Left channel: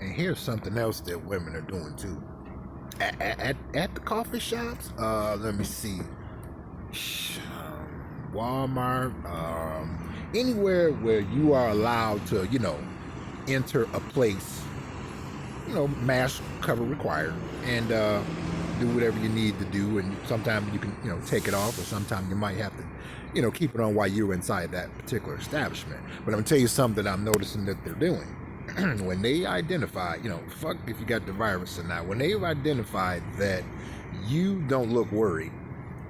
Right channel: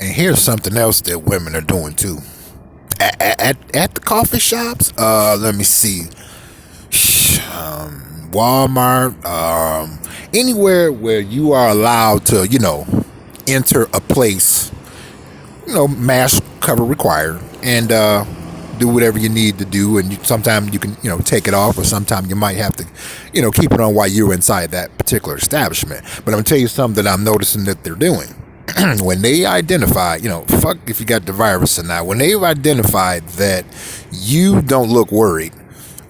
And here's something else that women are doing too. At the coffee shops, let me see, Walmart, anywhere where you are allowed to, enter a place, mask cover required, and do whatever you need to do. And sometimes you can, take it off, or sometimes you might have to, keep it on while you're inside that particular establishment. But I'm gonna tell you something that I'm noticing that they're doing. When they identify, fuck if you got the virus or not, when they've identified that you don't look worried,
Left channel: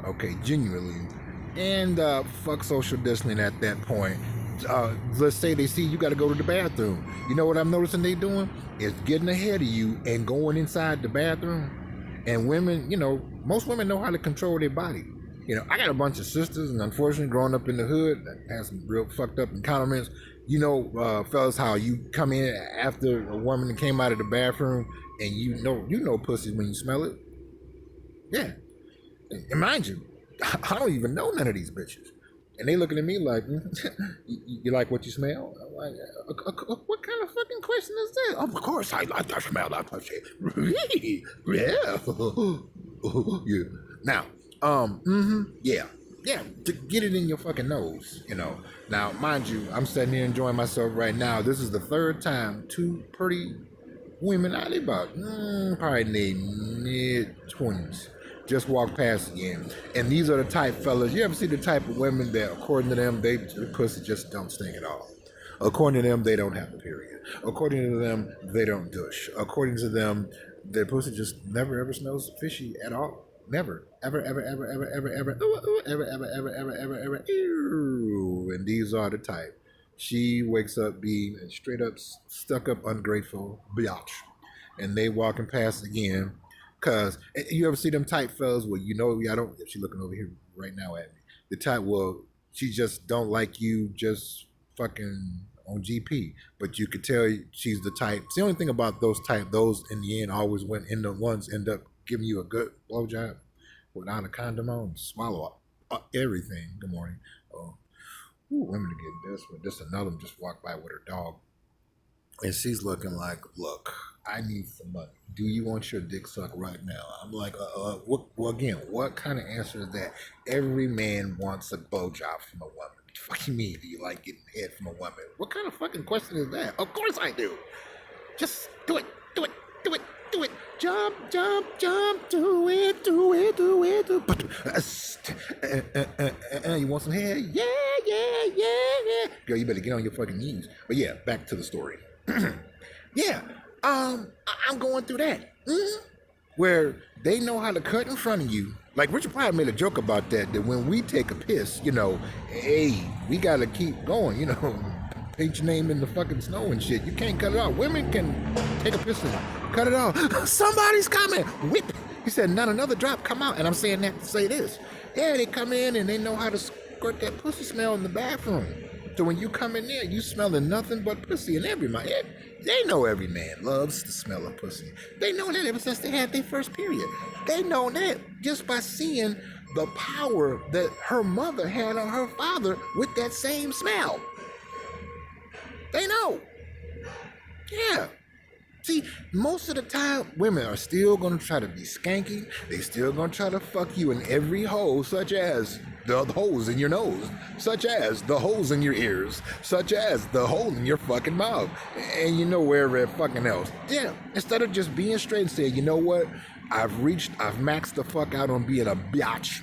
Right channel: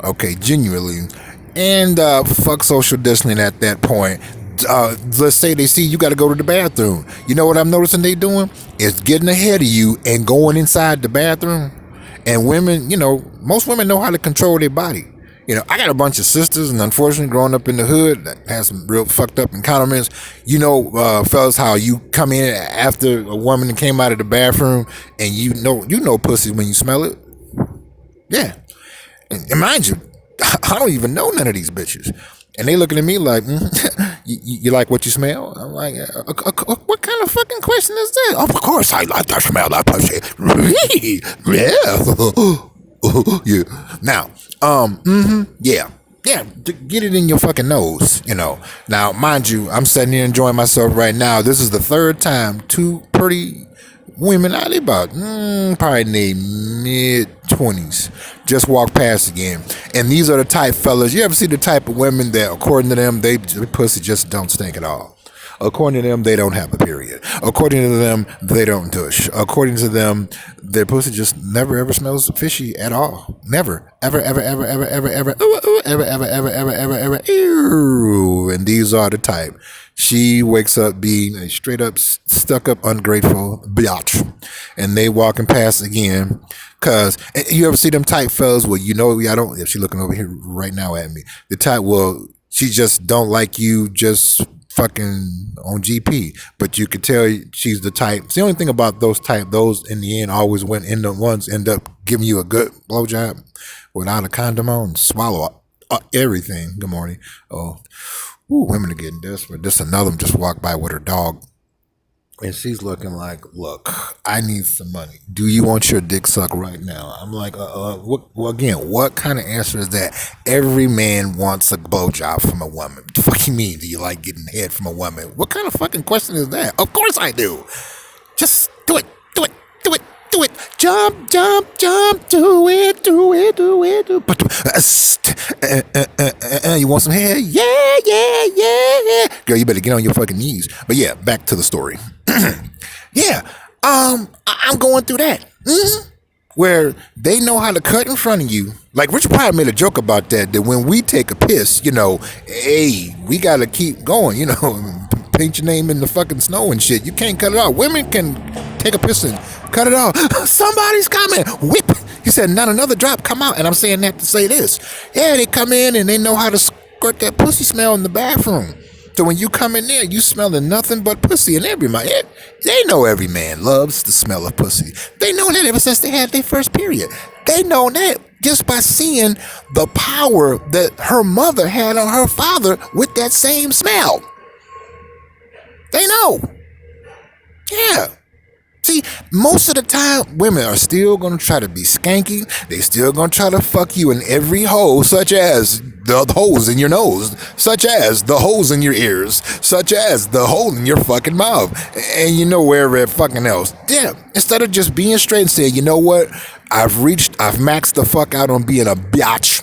okay, genuinely, and fuck social distancing at that point. Let's say they see you got to go to the bathroom. You know what I'm noticing they doing? Is getting ahead of you and going inside the bathroom. And women, most women know how to control their body. I got a bunch of sisters, and unfortunately, growing up in the hood, that has some real fucked up encounters. Fellas, how you come in after a woman came out of the bathroom, and you know pussy when you smell it. Yeah, and mind you, I don't even know none of these bitches, and they looking at me like, you like what you smell? I'm like, what kind of fucking question is that? Of course, I like that smell, that pussy. Yeah. Yeah. Now, yeah. Yeah, get it in your fucking nose, Now, mind you, I'm sitting here enjoying myself right now. This is the third time two pretty women, out about probably in their mid-20s, just walked past again. And these are the type fellas, you ever see the type of women that, according to them, their pussy just don't stink at all. According to them, they don't have a period. According to them, they don't douche. According to them, their pussy just never ever smells fishy at all. Never. Ever, ever, ever, ever, ever, ever, ever, ever, ever, ever, ever, ever, ew. And these are the type. She wakes up being a straight up, stuck up, ungrateful biatch. And they walking past again. Cause you ever see them type fellas where I don't, if she looking over here right now at me, the type, well, she just don't like you just fucking on GP, but you could tell she's the type. It's the only thing about those in the end always end up giving you a good blowjob without a condom on, swallow everything. Good morning. Oh, women are getting desperate. This another one just walked by with her dog, and she's looking like, look, I need some money. Do you want your dick sucked right now? I'm like, what kind of answer is that? Every man wants a blowjob from a woman. What the fuck you mean? Do you like getting head from a woman? What kind of fucking question is that? Of course I do. Just do it. Jump, do it. You want some hair? Yeah. Girl, you better get on your fucking knees. But yeah, back to the story. Yeah, I'm going through that. Where they know how to cut in front of you. Like Richard Pryor made a joke about that when we take a piss, hey, we gotta keep going, paint your name in the fucking snow and shit. You can't cut it off. Women can take a piss and cut it off. Somebody's coming. Whip. He said, not another drop. Come out. And I'm saying that to say this. Yeah, they come in and they know how to squirt that pussy smell in the bathroom. So when you come in there, you smelling nothing but pussy. And they know every man loves the smell of pussy. They know that ever since they had their first period. They know that just by seeing the power that her mother had on her father with that same smell. They know. Yeah. See, most of the time, women are still going to try to be skanky. They still going to try to fuck you in every hole, such as the holes in your nose, such as the holes in your ears, such as the hole in your fucking mouth, and wherever fucking else. Yeah, instead of just being straight and saying, you know what, I've maxed the fuck out on being a biatch.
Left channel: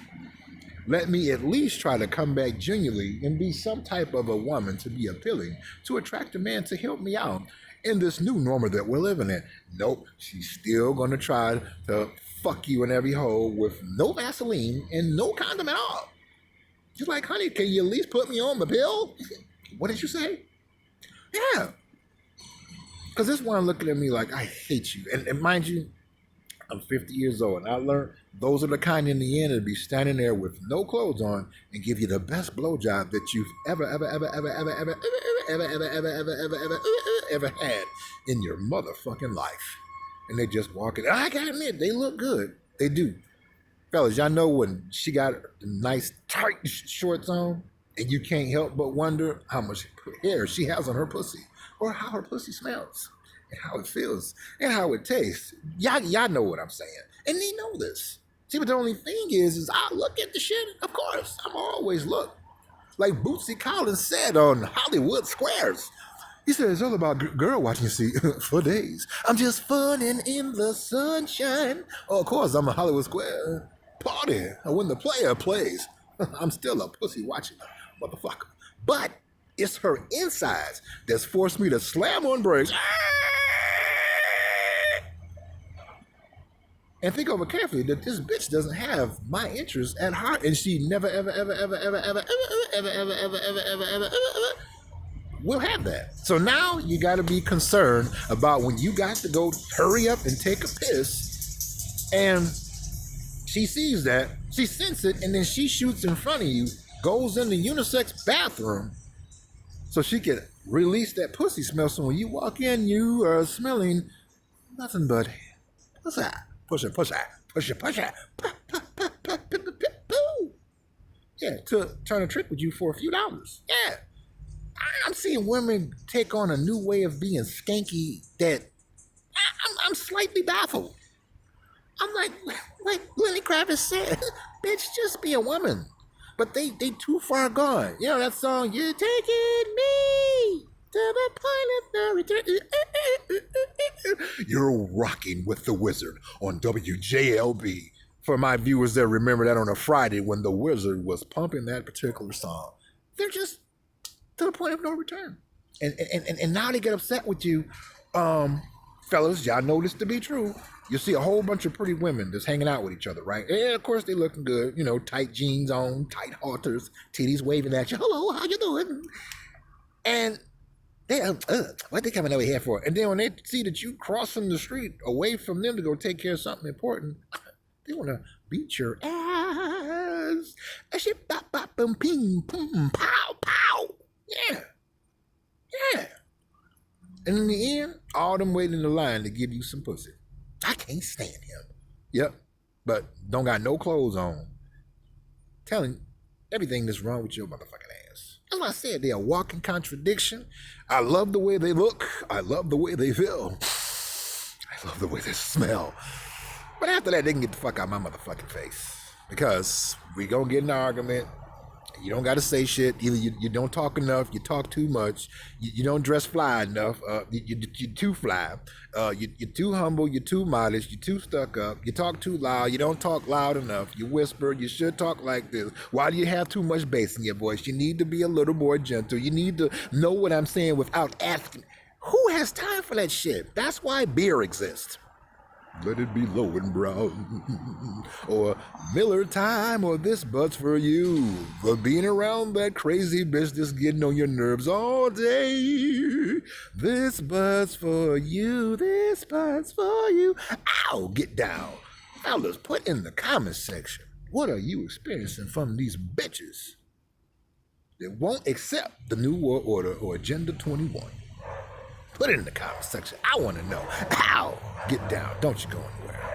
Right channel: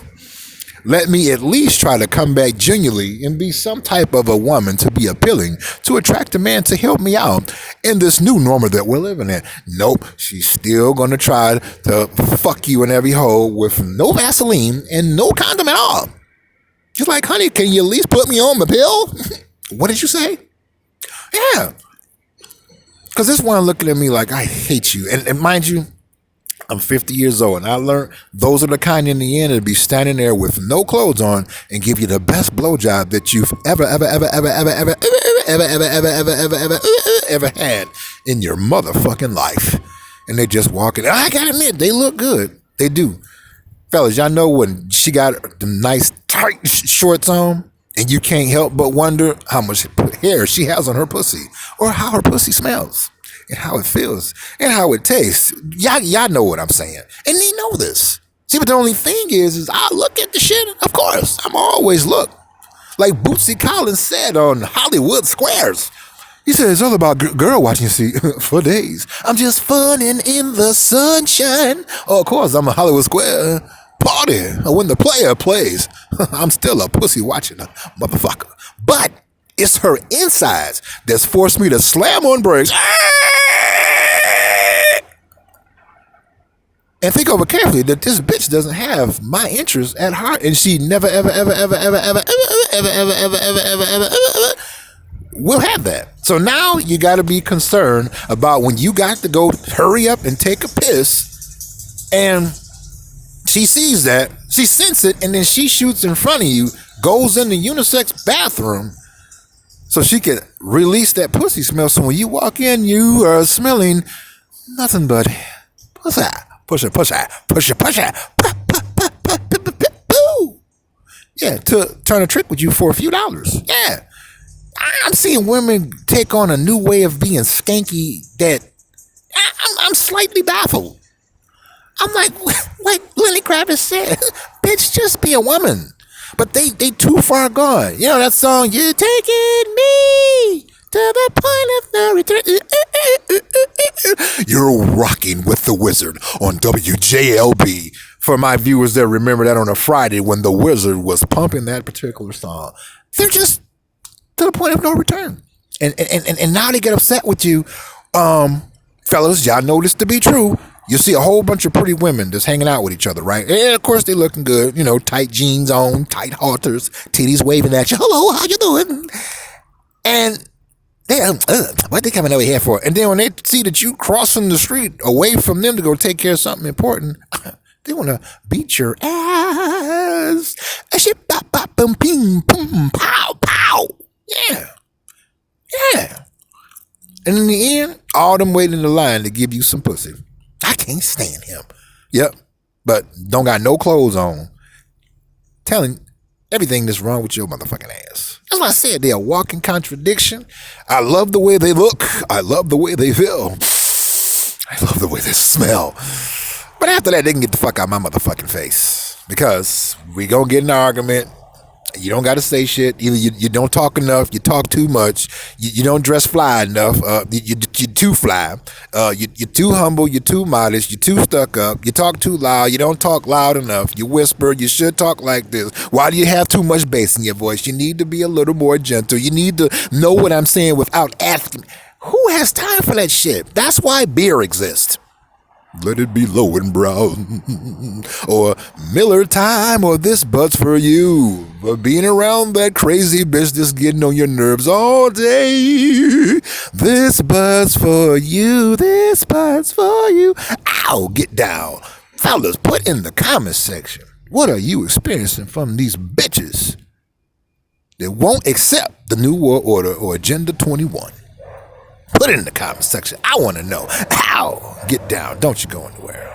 Let me at least try to come back genuinely and be some type of a woman to be appealing, to attract a man to help me out in this new normal that we're living in. Nope, she's still going to try to fuck you in every hole with no Vaseline and no condom at all. She's like, honey, can you at least put me on the pill? What did you say? Yeah. Because this one looking at me like, I hate you. And mind you, I'm 50 years old, and I learned those are the kind in the end that be standing there with no clothes on and give you the best blowjob that you've ever had in your motherfucking life. And they just walking. I gotta admit, they look good. They do. Fellas, y'all know when she got the nice tight shorts on, and you can't help but wonder how much hair she has on her pussy or how her pussy smells. and how it feels and how it tastes. Y'all know what I'm saying. And they know this. See, but the only thing is I look at the shit, of course. I'm always look. Like Bootsy Collins said on Hollywood Squares. He said it's all about girl watching, see, for days. I'm just funning in the sunshine. Oh, of course, I'm a Hollywood Square party. When the player plays, I'm still a pussy watching a motherfucker. But it's her insides that's forced me to slam on brakes. And think over carefully that this bitch doesn't have my interest at heart, and she never, ever, ever, ever, ever, ever, ever, ever, ever, ever, ever, ever, ever, ever will have that. So now you got to be concerned about when you got to go hurry up and take a piss, and she sees that, she senses it, and then she shoots in front of you, goes in the unisex bathroom, so she can release that pussy smell. So when you walk in, you are smelling nothing but pussy. Push. Yeah, to turn a trick with you for a few dollars. Yeah. I'm seeing women take on a new way of being skanky that I'm slightly baffled. I'm like Lenny Kravitz said, bitch, just be a woman. But they too far gone. You know that song, You're Taking Me to the point of no return. You're rocking with the Wizard on WJLB. For my viewers that remember that on a Friday when the Wizard was pumping that particular song, they're just to the point of no return. And now they get upset with you. Fellas, y'all know this to be true. You see a whole bunch of pretty women just hanging out with each other, right? And of course they looking good, you know, tight jeans on, tight halters, titties waving at you. Hello, how you doing? And what they coming over here for? And then when they see that you crossing the street away from them to go take care of something important, they want to beat your ass. Boom, ping, boom, pow, pow. Yeah. And in the end, all them waiting in the line to give you some pussy. I can't stand him. Yep. But don't got no clothes on. Telling everything that's wrong with your motherfucking ass. As I said, they're a walking contradiction. I love the way they look. I love the way they feel. I love the way they smell. But after that, they can get the fuck out of my motherfucking face. Because we gonna get in an argument. You don't got to say shit. Either you don't talk enough, you talk too much, you don't dress fly enough, you're too fly, you're too humble, you're too modest, you're too stuck up, you talk too loud, you don't talk loud enough, you whisper, you should talk like this. Why do you have too much bass in your voice? You need to be a little more gentle. You need to know what I'm saying without asking. Who has time for that shit? That's why beer exists. Let it be low and brown, or Miller time, or this but's for you. For being around that crazy bitch that's getting on your nerves all day. This but's for you, this but's for you. Ow, get down. Fellas, put in the comment section, what are you experiencing from these bitches that won't accept the New World Order or Agenda 21? Put it in the comment section. I want to know. How? Get down. Don't you go anywhere.